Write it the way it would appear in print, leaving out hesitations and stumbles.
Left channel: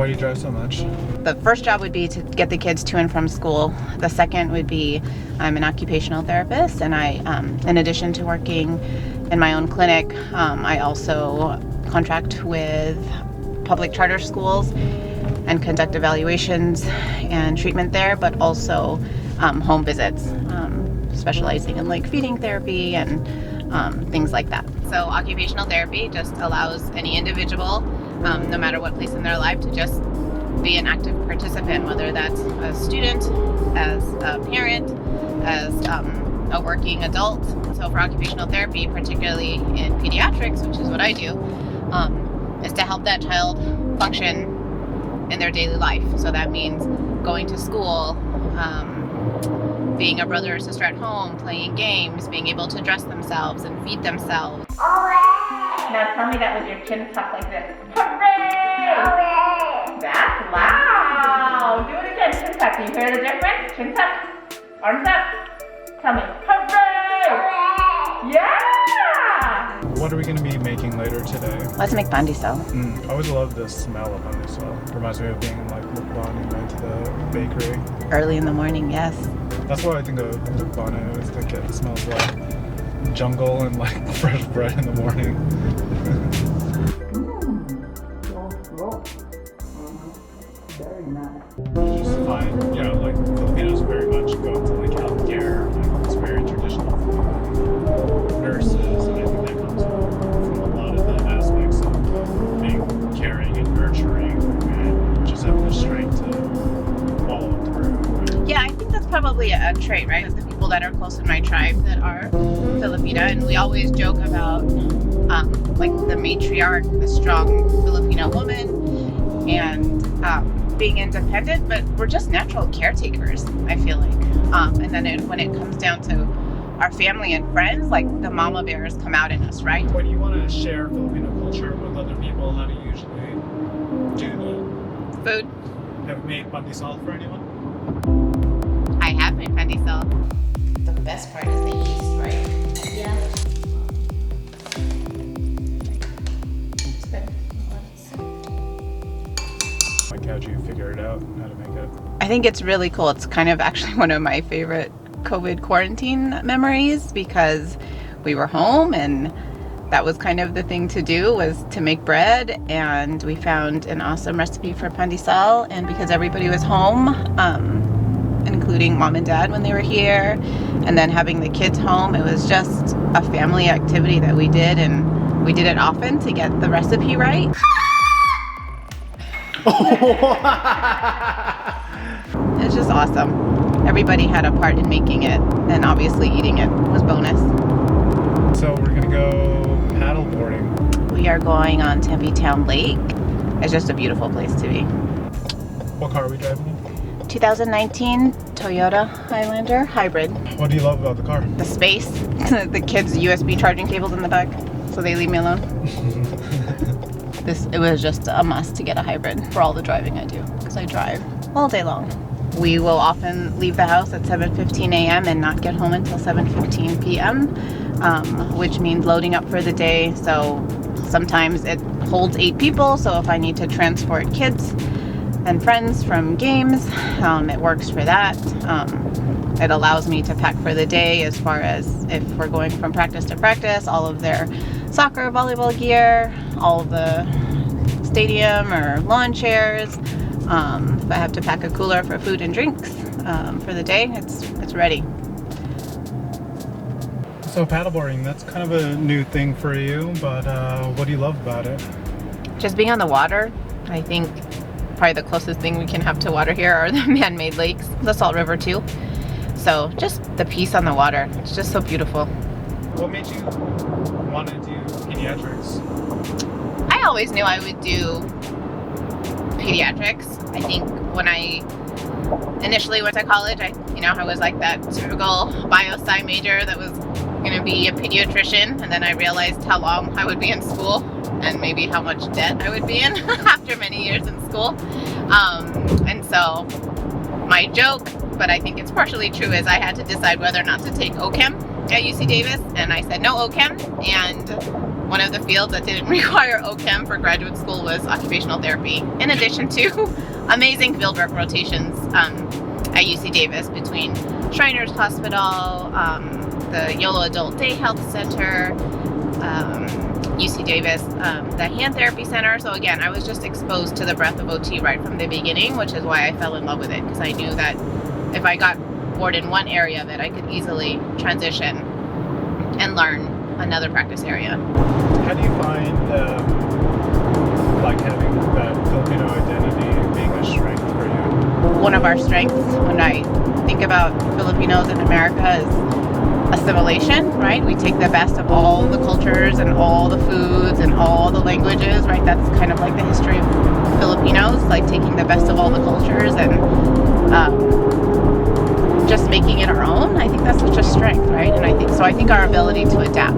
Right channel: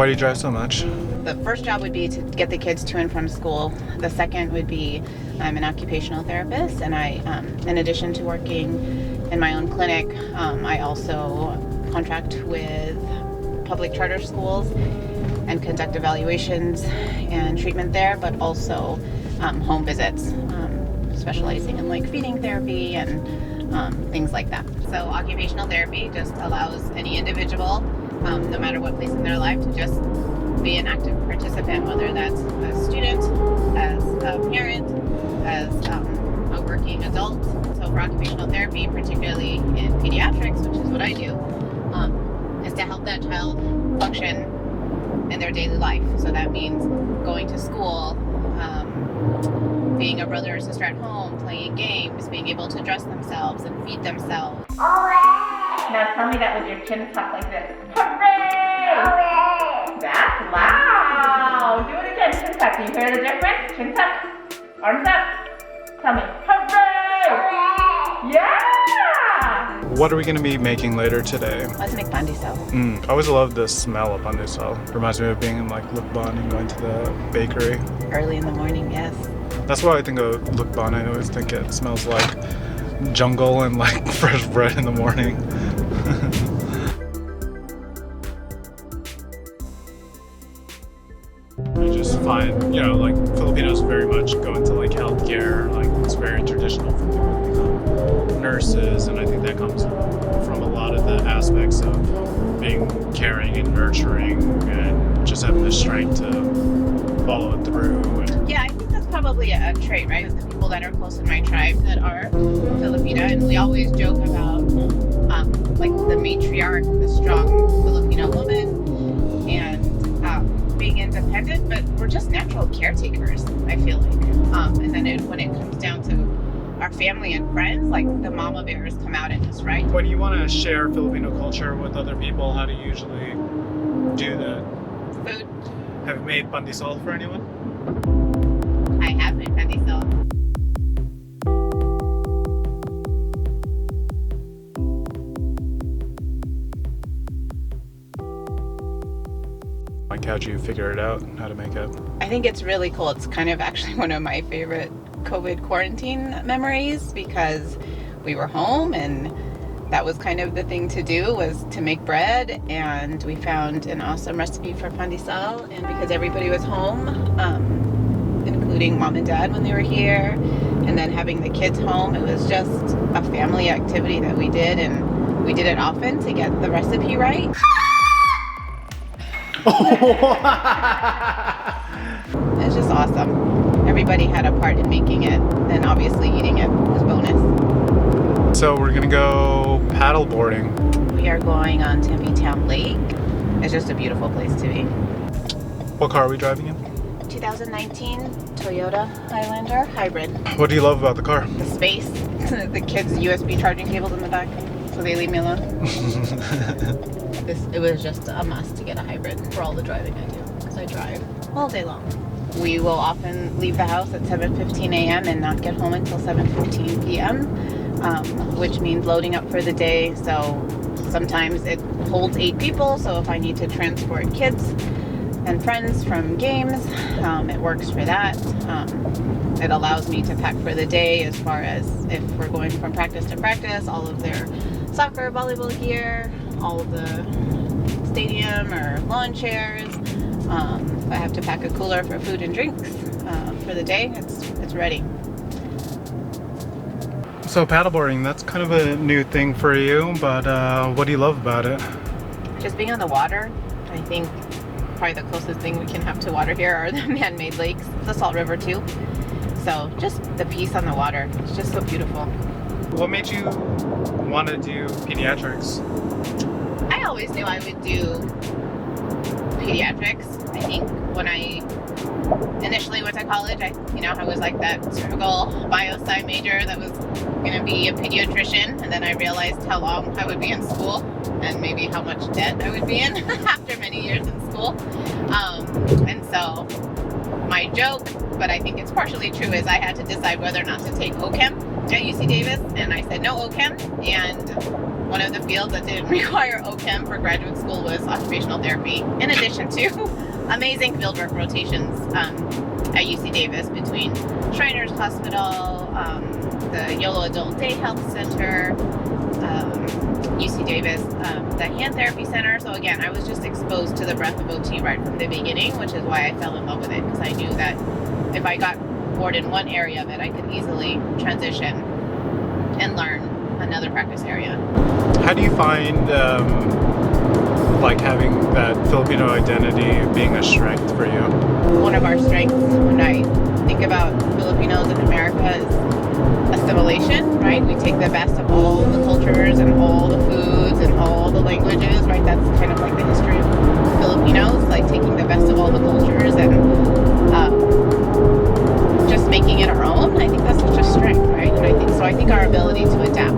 Why do you drive so much? The first job would be to get the kids to and from school. The second would be I'm an occupational therapist, and I, in addition to working in my own clinic, I also contract with public charter schools and conduct evaluations and treatment there, but also home visits, specializing in like feeding therapy and things like that. So occupational therapy just allows any individual, no matter what place in their life, to just be an active participant, whether that's a student, as a parent, as a working adult. So for occupational therapy, particularly in pediatrics, which is what I do, is to help that child function in their daily life. So that means going to school, being a brother or sister at home, playing games, being able to dress themselves and feed themselves. Now tell me that with your chin tucked like this. Hooray! Hooray! That's loud! Do it again, chin tuck. Do you hear the difference? Chin tuck, arms up. Tell me, hooray! Hooray! Yeah! What are we going to be making later today? Let's make pandesal. I always love the smell of pandesal. Reminds me of being in like Lukban and going to the bakery. Early in the morning, yes. That's why I think of Lukban. I always think it smells like jungle and like fresh bread in the morning. You just find, you know, like Filipinos very much go into like healthcare, like it's very traditional for nurses, and I think that comes from a lot of the aspects of being caring and nurturing and just having the strength to follow it through. Yeah, I think that's probably a trait, right? The people that are close in my tribe that are Filipino, and we always joke about like the matriarch, the strong Filipino woman, and being independent, but we're just natural caretakers, I feel like. And then when it comes down to our family and friends, like the mama bears come out in us, right? When you want to share Filipino culture with other people, how do you usually do that? Food. Have you made pandesal for anyone? I have made pandesal. The best part is the yeast, right? Yeah. It's good. Like, how'd you figure it out, how to make it? I think it's really cool. It's kind of actually one of my favorite COVID quarantine memories, because we were home and that was kind of the thing to do, was to make bread, and we found an awesome recipe for pandesal, and because everybody was home, including mom and dad when they were here, and then having the kids home, it was just a family activity that we did, and we did it often to get the recipe right. It was just awesome. Everybody had a part in making it, and obviously eating it was bonus. So we're gonna go paddle boarding. We are going on Tempe Town Lake. It's just a beautiful place to be. What car are we driving in? 2019 Toyota Highlander hybrid. What do you love about the car? The space, the kids' USB charging cables in the back, so they leave me alone. It was just a must to get a hybrid for all the driving I do, because I drive all day long. We will often leave the house at 7:15 a.m. and not get home until 7:15 p.m., which means loading up for the day. So sometimes it holds 8 people, so if I need to transport kids and friends from games, it works for that. It allows me to pack for the day, as far as if we're going from practice to practice, all of their soccer, volleyball gear, all the stadium or lawn chairs. If I have to pack a cooler for food and drinks for the day, it's ready. So paddleboarding, that's kind of a new thing for you, but what do you love about it? Just being on the water. I think probably the closest thing we can have to water here are the man-made lakes, the Salt River too. So just the peace on the water, it's just so beautiful. What made you want to do pediatrics? I always knew I would do pediatrics. I think when I initially went to college, I was like that typical bio-sci major that was going to be a pediatrician, and then I realized how long I would be in school and maybe how much debt I would be in after many years in school. And so my joke, but I think it's partially true, is I had to decide whether or not to take OChem at UC Davis, and I said no OChem, and one of the fields that didn't require OChem for graduate school was occupational therapy, in addition to amazing fieldwork rotations at UC Davis between Shriners Hospital, the YOLO Adult Day Health Center, UC Davis, the Hand Therapy Center. So again, I was just exposed to the breadth of OT right from the beginning, which is why I fell in love with it, because I knew that if I got bored in one area of it, I could easily transition and learn another practice area. How do you find like having that Filipino identity being a strength for you? One of our strengths when I think about Filipinos in America is assimilation, right? We take the best of all the cultures and all the foods and all the languages, right? That's kind of like the history of Filipinos, like taking the best of all the cultures and just making it our own. I think that's such a strength, right? And I think our ability to adapt.